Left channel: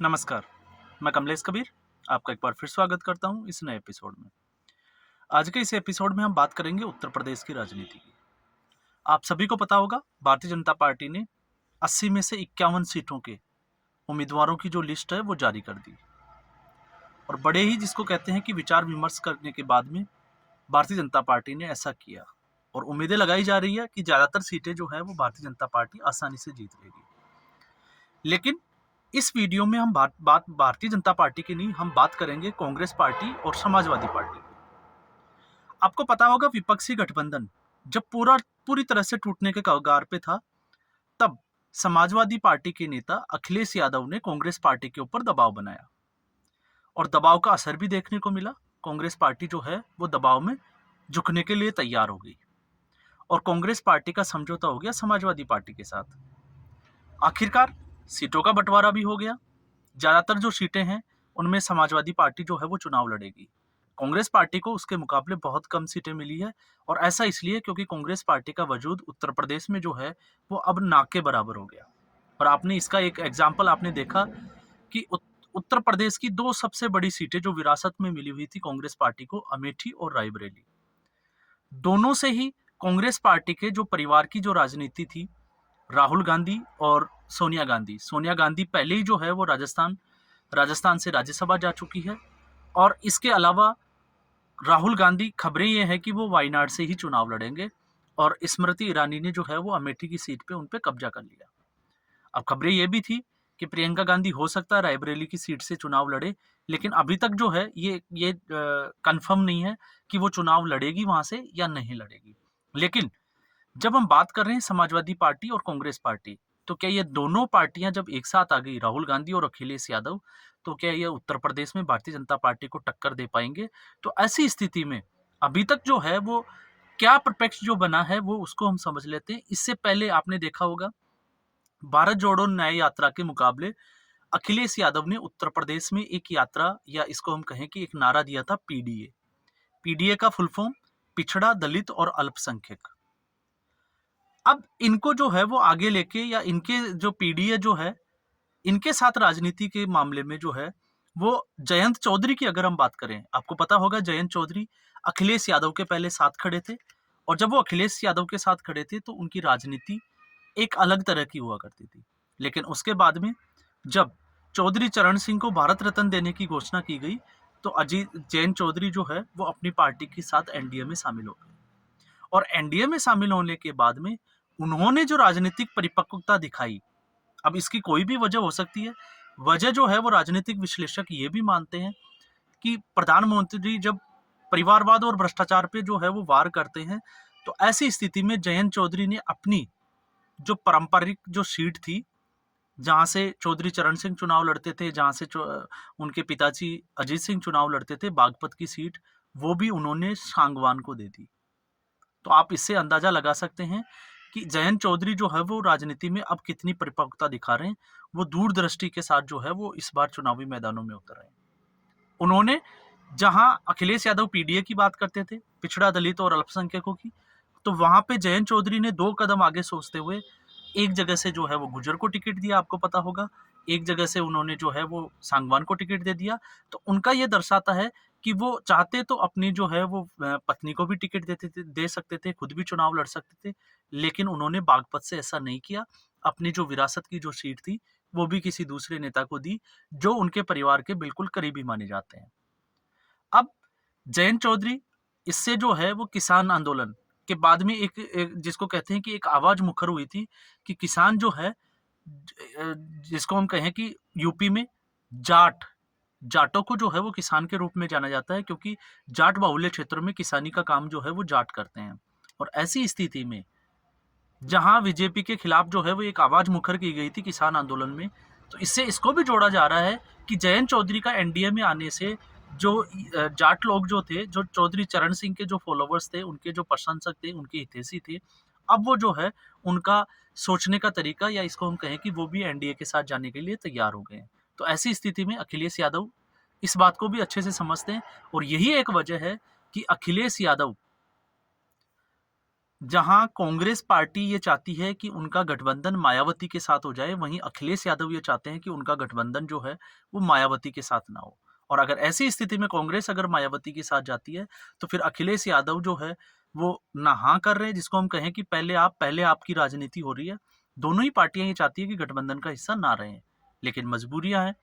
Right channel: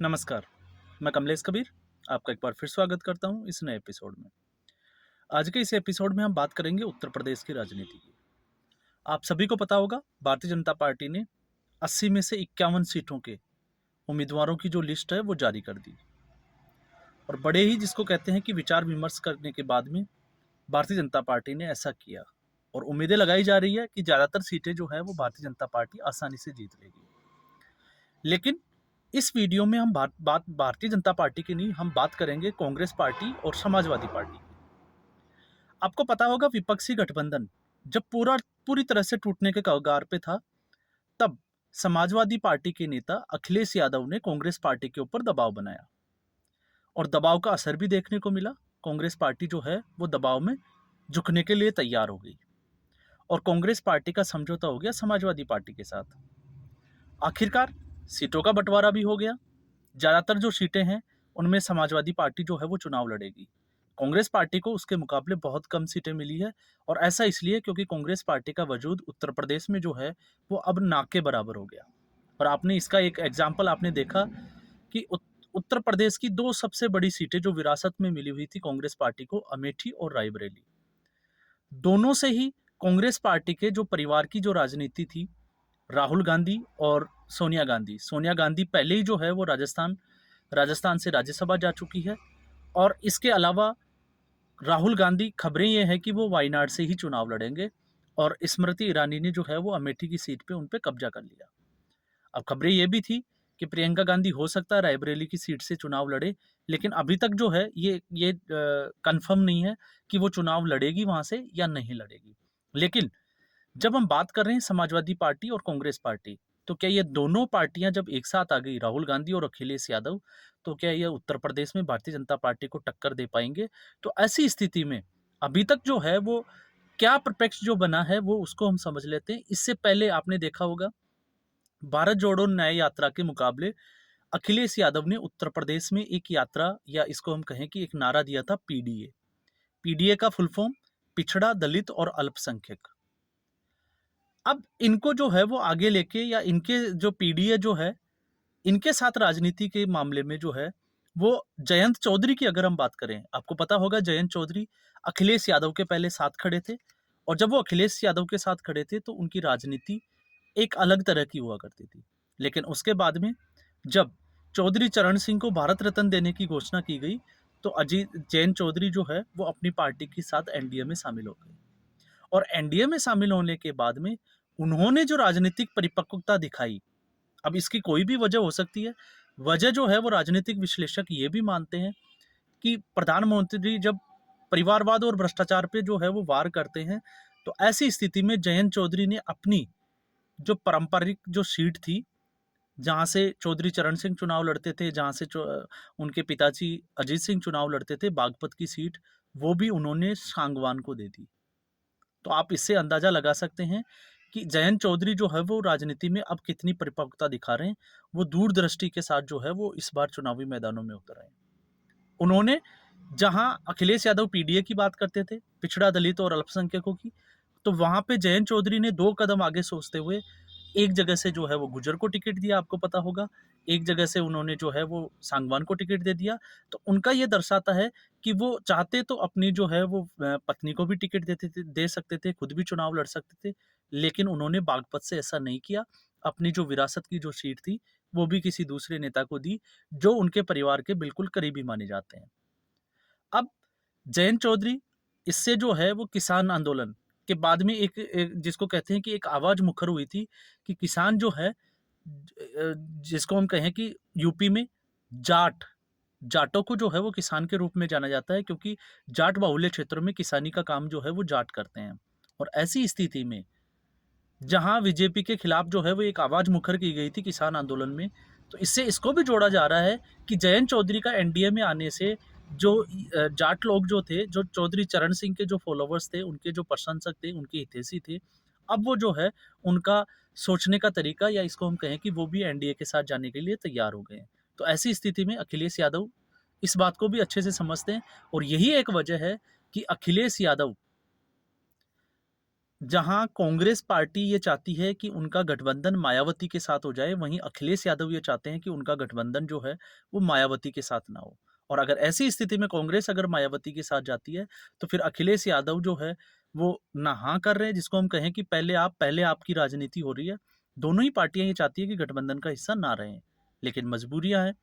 नमस्कार, मैं कमलेश कबीर, आपका एक बार फिर स्वागत करता हूँ इस नए एपिसोड में। आज के इस एपिसोड में हम बात करेंगे उत्तर प्रदेश की राजनीति की। आप सभी को पता होगा, भारतीय जनता पार्टी ने 80 में से 51 सीटों के उम्मीदवारों की जो लिस्ट है वो जारी कर दी और बड़े ही जिसको कहते हैं कि विचार विमर्श करने के बाद में भारतीय जनता पार्टी ने ऐसा किया और उम्मीदें लगाई जा रही है कि ज़्यादातर सीटें जो है वो भारतीय जनता पार्टी आसानी से जीत लेगी। लेकिन इस वीडियो में हम बात भारतीय जनता पार्टी की नहीं, हम बात करेंगे कांग्रेस पार्टी और समाजवादी पार्टी की। आपको पता होगा, विपक्षी गठबंधन जब पूरी तरह से टूटने के कगार पे था, तब समाजवादी पार्टी के नेता अखिलेश यादव ने कांग्रेस पार्टी के ऊपर दबाव बनाया और दबाव का असर भी देखने को मिला। कांग्रेस पार्टी जो है वो दबाव में झुकने के लिए तैयार हो गई और कांग्रेस पार्टी का समझौता हो गया समाजवादी पार्टी के साथ। आखिरकार सीटों का बंटवारा भी हो गया। ज्यादातर जो सीटें हैं उनमें समाजवादी पार्टी जो है वो चुनाव लड़ेगी। कांग्रेस पार्टी को उसके मुकाबले बहुत कम सीटें मिली है और ऐसा इसलिए क्योंकि कांग्रेस पार्टी का वजूद उत्तर प्रदेश में जो है वो अब ना के बराबर हो गया। और आपने इसका एक एग्जाम्पल आपने देखा कि उत्तर प्रदेश की दो सबसे बड़ी सीटें जो विरासत में मिली हुई थी कांग्रेस पार्टी को, अमेठी और रायबरेली, दोनों से ही कांग्रेस पार्टी के जो परिवार की जो राजनीति थी, राहुल गांधी और सोनिया गांधी पहले ही जो है वो राजस्थान से राज्यसभा जा चुकी है और इसके अलावा राहुल गांधी, खबरें ये हैं कि वो वायनाड से ही चुनाव लड़ेंगे और स्मृति ईरानी ने जो है वो अमेठी की सीट पे उन पे कब्जा कर लिया। अब खबरें ये भी थी कि प्रियंका गांधी हो सकता है रायबरेली की सीट से चुनाव लड़े, लेकिन अभी तक जो है ये कंफर्म नहीं है कि वो चुनाव लड़ेगी वहां से या नहीं लड़ेगी। लेकिन जब हम बात कर रहे हैं समाजवादी पार्टी और कांग्रेस पार्टी, तो क्या ये दोनों पार्टियां जब एक साथ आ गई, राहुल गांधी और अखिलेश यादव, तो क्या ये उत्तर प्रदेश में भारतीय जनता पार्टी को टक्कर दे पाएंगे? तो ऐसी स्थिति में अभी तक जो है वो क्या प्रपक्ष जो बना है वो उसको हम समझ लेते हैं। इससे पहले आपने देखा होगा, भारत जोड़ो न्याय यात्रा के मुकाबले अखिलेश यादव ने उत्तर प्रदेश में एक यात्रा, या इसको हम कहें कि एक नारा दिया था, पीडीए। पीडीए का फुल फॉर्म पिछड़ा, दलित और अल्पसंख्यक। अब इनको जो है वो आगे लेके, या इनके जो पीडीए जो है, इनके साथ राजनीति के मामले में जो है वो जयंत चौधरी की अगर हम बात करें, आपको पता होगा जयंत चौधरी अखिलेश यादव के पहले साथ खड़े थे और जब वो अखिलेश यादव के साथ खड़े थे तो उनकी राजनीति एक अलग तरह की हुआ करती थी। लेकिन उसके बाद में जब चौधरी चरण सिंह को भारत रत्न देने की घोषणा की गई, तो अजीत जैन चौधरी जो है वो अपनी पार्टी के साथ एनडीए में शामिल हो गए और एनडीए में शामिल होने के बाद में उन्होंने जो राजनीतिक परिपक्वता दिखाई, अब इसकी कोई भी वजह हो सकती है। वजह जो है वो राजनीतिक विश्लेषक ये भी मानते हैं कि प्रधानमंत्री जब परिवारवाद और भ्रष्टाचार पे जो है वो वार करते हैं, तो ऐसी स्थिति में जयंत चौधरी ने अपनी जो पारंपरिक जो सीट थी, जहां से चौधरी चरण सिंह चुनाव लड़ते थे, जहां से उनके पिताजी अजीत सिंह चुनाव लड़ते थे, बागपत की सीट, वो भी उन्होंने सांगवान को दे दी। तो आप इससे अंदाजा लगा सकते हैं कि जयंत चौधरी जो है वो राजनीति में अब कितनी परिपक्वता दिखा रहे हैं। वो दूरदृष्टि के साथ जो है वो इस बार चुनावी मैदानों में उतर आए। उन्होंने, जहां अखिलेश यादव पीडीए की बात करते थे, पिछड़ा, दलित और अल्पसंख्यकों की, तो वहां पे जयंत चौधरी ने 2 कदम आगे सोचते हुए एक जगह से जो है वो गुर्जर को टिकट दिया, आपको पता होगा। एक जगह से उन्होंने जो है वो सांगवान को टिकट दे दिया। तो उनका ये दर्शाता है कि वो चाहते तो अपनी जो है वो पत्नी को भी टिकट दे सकते थे, खुद भी चुनाव लड़ सकते थे, लेकिन उन्होंने बागपत से ऐसा नहीं किया। अपनी जो विरासत की जो सीट थी, वो भी किसी दूसरे नेता को दी, जो उनके परिवार के बिल्कुल करीबी माने जाते हैं। अब जयंत चौधरी, इससे जो है वो किसान आंदोलन के बाद में एक जिसको कहते हैं कि एक आवाज मुखर हुई थी कि किसान जो है, जिसको हम कहें कि यूपी में जाटों को जो है वो किसान के रूप में जाना जाता है, क्योंकि जाट बाहुल्य क्षेत्रों में किसानी का काम जो है वो जाट करते हैं। और ऐसी स्थिति में जहां बीजेपी के खिलाफ जो है वो एक आवाज मुखर की गई थी किसान आंदोलन में, तो इससे इसको भी जोड़ा जा रहा है कि जयंत चौधरी का एनडीए में आने से जो जाट लोग जो थे, जो चौधरी चरण सिंह के जो फॉलोवर्स थे, उनके जो प्रशंसक थे, उनके हितैषी थे, अब वो जो है उनका सोचने का तरीका, या इसको हम कहें कि वो भी एनडीए के साथ जाने के लिए तैयार हो गए हैं। तो ऐसी स्थिति में अखिलेश यादव इस बात को भी अच्छे से समझते हैं और यही एक वजह है कि अखिलेश यादव जहां कांग्रेस पार्टी ये चाहती है कि उनका गठबंधन मायावती के साथ हो जाए, वहीं अखिलेश यादव ये चाहते हैं कि उनका गठबंधन जो है वो मायावती के साथ ना हो। और अगर ऐसी स्थिति में कांग्रेस अगर मायावती के साथ जाती है तो फिर अखिलेश यादव जो है वो ना हाँ कर रहे हैं, जिसको हम कहें कि पहले आपकी राजनीति हो रही है। दोनों ही पार्टियां ये चाहती है कि गठबंधन का हिस्सा ना रहे, लेकिन मजबूरियां हैं,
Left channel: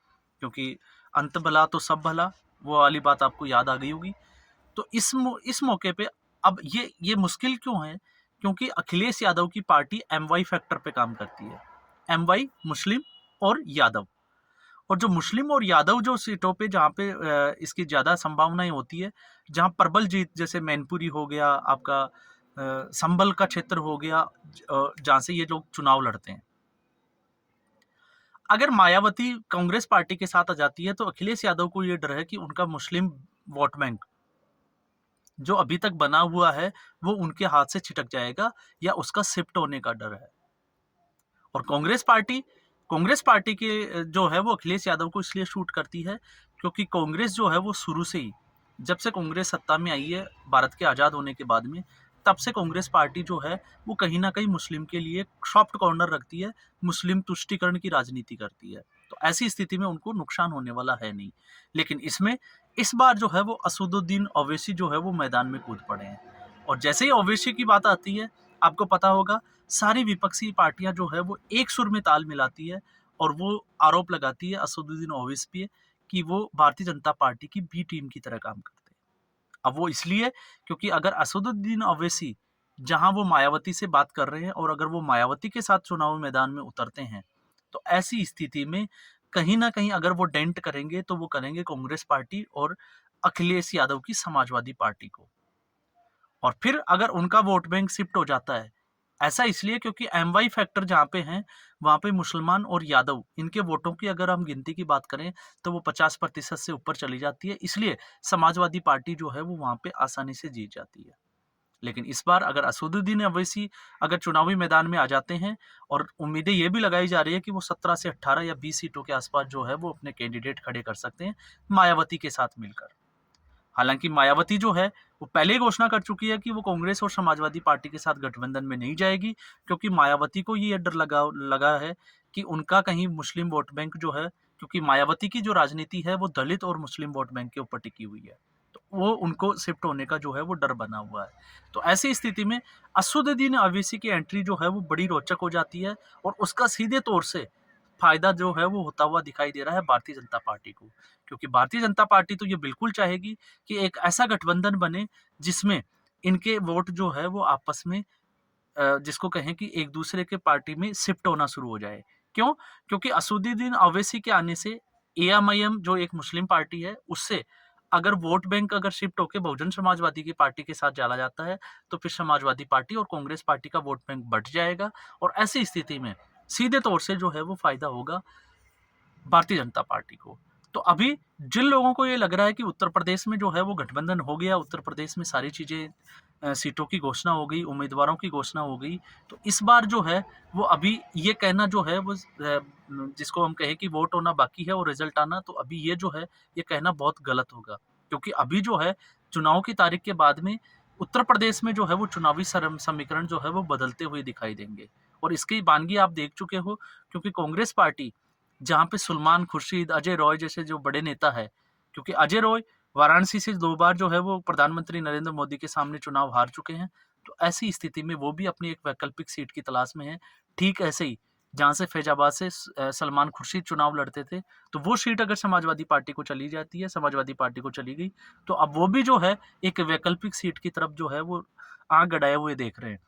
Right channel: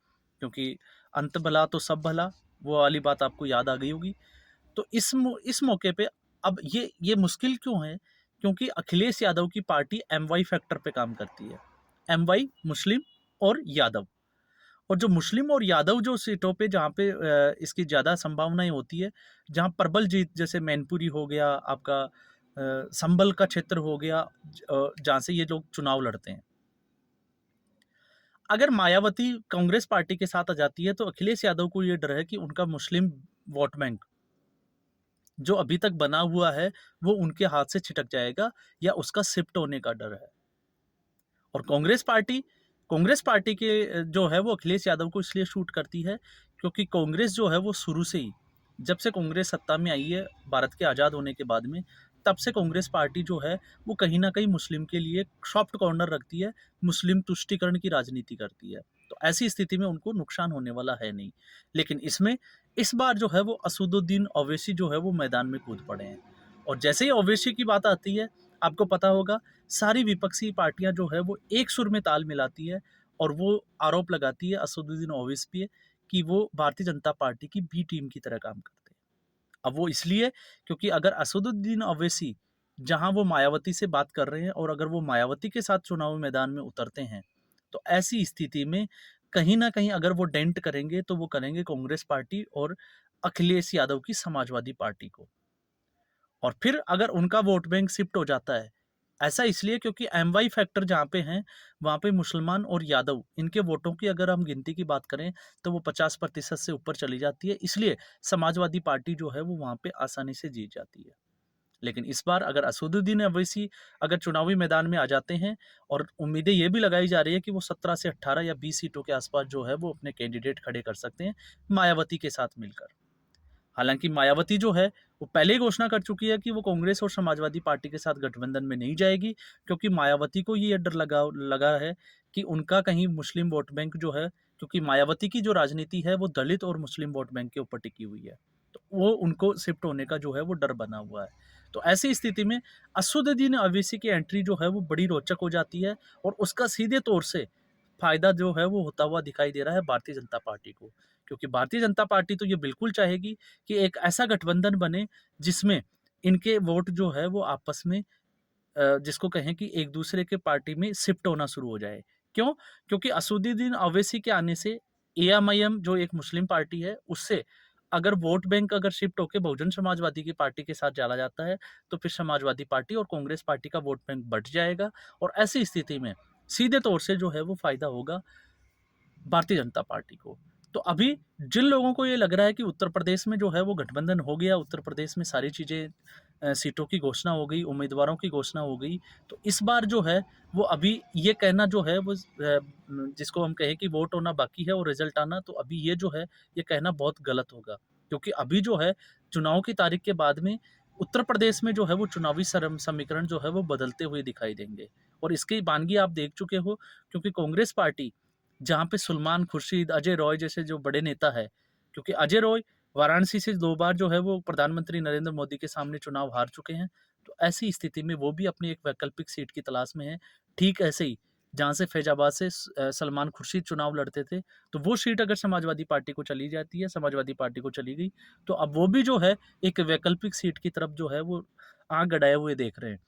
क्योंकि अंत भला तो सब भला, वो वाली बात आपको याद आ गई होगी। तो इस मौके पे अब ये मुश्किल क्यों है? क्योंकि अखिलेश यादव की पार्टी एमवाई फैक्टर पे काम करती है। एमवाई मुस्लिम और यादव, और जो मुस्लिम और यादव जो सीटों पे जहाँ पे इसकी ज़्यादा संभावनाएं होती है, जहाँ प्रबल जीत, जैसे मैनपुरी हो गया आपका, संभल का क्षेत्र हो गया, जहाँ से ये लोग चुनाव लड़ते हैं। अगर मायावती कांग्रेस पार्टी के साथ आ जाती है तो अखिलेश यादव को ये डर है कि उनका मुस्लिम वोट बैंक जो अभी तक बना हुआ है वो उनके हाथ से छिटक जाएगा, या उसका शिफ्ट होने का डर है। और कांग्रेस पार्टी के जो है वो अखिलेश यादव को इसलिए शूट करती है क्योंकि कांग्रेस जो है वो शुरू से ही, जब से कांग्रेस सत्ता में आई है भारत के आज़ाद होने के बाद में, तब से कांग्रेस पार्टी जो है वो कहीं ना कहीं मुस्लिम के लिए सॉफ्ट कॉर्नर रखती है, मुस्लिम तुष्टीकरण की राजनीति करती है। तो ऐसी स्थिति में उनको नुकसान होने वाला है नहीं। लेकिन इसमें इस बार जो है वो असदुद्दीन ओवैसी जो है वो मैदान में कूद पड़े हैं। और जैसे ही ओवैसी की बात आती है, आपको पता होगा, सारी विपक्षी पार्टियां जो है वो एक सुर में ताल मिलाती है और वो आरोप लगाती है असदुद्दीन ओवैसी पे कि वो भारतीय जनता पार्टी की बी टीम की तरह काम करते हैं। अब वो इसलिए क्योंकि अगर असदुद्दीन ओवैसी जहां वो मायावती से बात कर रहे हैं और अगर वो मायावती के साथ चुनाव मैदान में उतरते हैं, तो ऐसी स्थिति में कहीं ना कहीं अगर वो डेंट करेंगे तो वो करेंगे कांग्रेस पार्टी और अखिलेश यादव की समाजवादी पार्टी को। और फिर अगर उनका वोट बैंक शिफ्ट हो जाता है, ऐसा इसलिए क्योंकि एमवाई फैक्टर जहाँ पे हैं, वहाँ पे मुसलमान और यादव इनके वोटों की अगर हम गिनती की बात करें तो वो 50% से ऊपर चली जाती है, इसलिए समाजवादी पार्टी जो है वो वहाँ पे आसानी से जीत जाती है। लेकिन इस बार अगर असदुद्दीन अवैसी अगर चुनावी मैदान में आ जाते हैं, और उम्मीदें ये भी लगाई जा रही है कि वो 17 से 18 या 20 सीटों के आसपास जो है वो अपने कैंडिडेट खड़े कर सकते हैं मायावती के साथ मिलकर। हालांकि मायावती जो है वो पहले ही घोषणा कर चुकी है कि वो कांग्रेस और समाजवादी पार्टी के साथ गठबंधन में नहीं जाएगी, क्योंकि मायावती को ये डर लगा है कि उनका कहीं मुस्लिम वोट बैंक जो है, क्योंकि मायावती की जो राजनीति है वो दलित और मुस्लिम वोट बैंक के ऊपर टिकी हुई है, तो वो उनको शिफ्ट होने का जो है वो डर बना हुआ है। तो ऐसी स्थिति में असदुद्दीन अवैसी की एंट्री जो है वो बड़ी रोचक हो जाती है, और उसका सीधे तौर से फायदा जो है वो होता हुआ दिखाई दे रहा है भारतीय जनता पार्टी को, क्योंकि भारतीय जनता पार्टी तो ये बिल्कुल चाहेगी कि एक ऐसा गठबंधन बने जिसमें इनके वोट जो है वो आपस में जिसको कहें कि एक दूसरे के पार्टी में शिफ्ट होना शुरू हो जाए। क्यों? क्योंकि असदुद्दीन ओवैसी के आने से एएमआईएम जो एक मुस्लिम पार्टी है, उससे अगर वोट बैंक अगर शिफ्ट होके बहुजन समाजवादी की पार्टी के साथ चला जाता है, तो फिर समाजवादी पार्टी और कांग्रेस पार्टी का वोट बैंक बढ़ जाएगा, और ऐसी स्थिति में सीधे तौर से जो है वो फायदा होगा भारतीय जनता पार्टी को। तो अभी जिन लोगों को ये लग रहा है कि उत्तर प्रदेश में जो है वो गठबंधन हो गया, उत्तर प्रदेश में सारी चीज़ें सीटों की घोषणा हो गई, उम्मीदवारों की घोषणा हो गई, तो इस बार जो है वो अभी ये कहना जो है वो जिसको हम कहें कि वोट होना बाकी है और रिजल्ट आना, तो अभी ये जो है ये कहना बहुत गलत होगा। क्योंकि अभी जो है चुनाव की तारीख के बाद में उत्तर प्रदेश में जो है वो चुनावी समीकरण जो है वो बदलते हुए दिखाई देंगे, और इसकी बानगी आप देख चुके हो, क्योंकि कांग्रेस पार्टी जहाँ पे सलमान खुर्शीद, अजय रॉय जैसे जो बड़े नेता है, क्योंकि अजय रॉय वाराणसी से 2 बार जो है वो प्रधानमंत्री नरेंद्र मोदी के सामने चुनाव हार चुके हैं, तो ऐसी स्थिति में वो भी अपनी एक वैकल्पिक सीट की तलाश में है। ठीक ऐसे ही जहाँ से फैजाबाद से सलमान खुर्शीद चुनाव लड़ते थे, तो वो सीट अगर समाजवादी पार्टी को चली जाती है, समाजवादी पार्टी को चली गई, तो अब वो भी जो है एक वैकल्पिक सीट की तरफ जो है वो आँख गड़ाए हुए देख रहे हैं।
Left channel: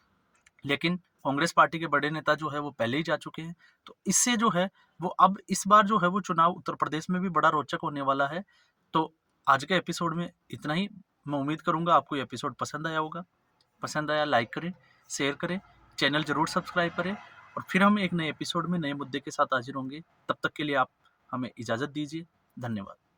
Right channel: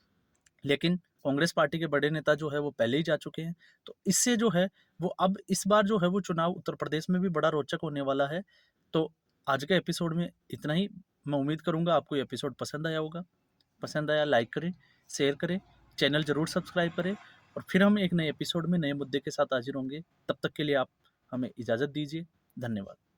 लेकिन कांग्रेस पार्टी के बड़े नेता जो है वो पहले ही जा चुके हैं, तो इससे जो है वो अब इस बार जो है वो चुनाव उत्तर प्रदेश में भी बड़ा रोचक होने वाला है। तो आज के एपिसोड में इतना ही। मैं उम्मीद करूंगा आपको ये एपिसोड पसंद आया होगा। पसंद आया लाइक करें, शेयर करें, चैनल जरूर सब्सक्राइब करें, और फिर हम एक नए एपिसोड में नए मुद्दे के साथ हाजिर होंगे। तब तक के लिए आप हमें इजाज़त दीजिए। धन्यवाद।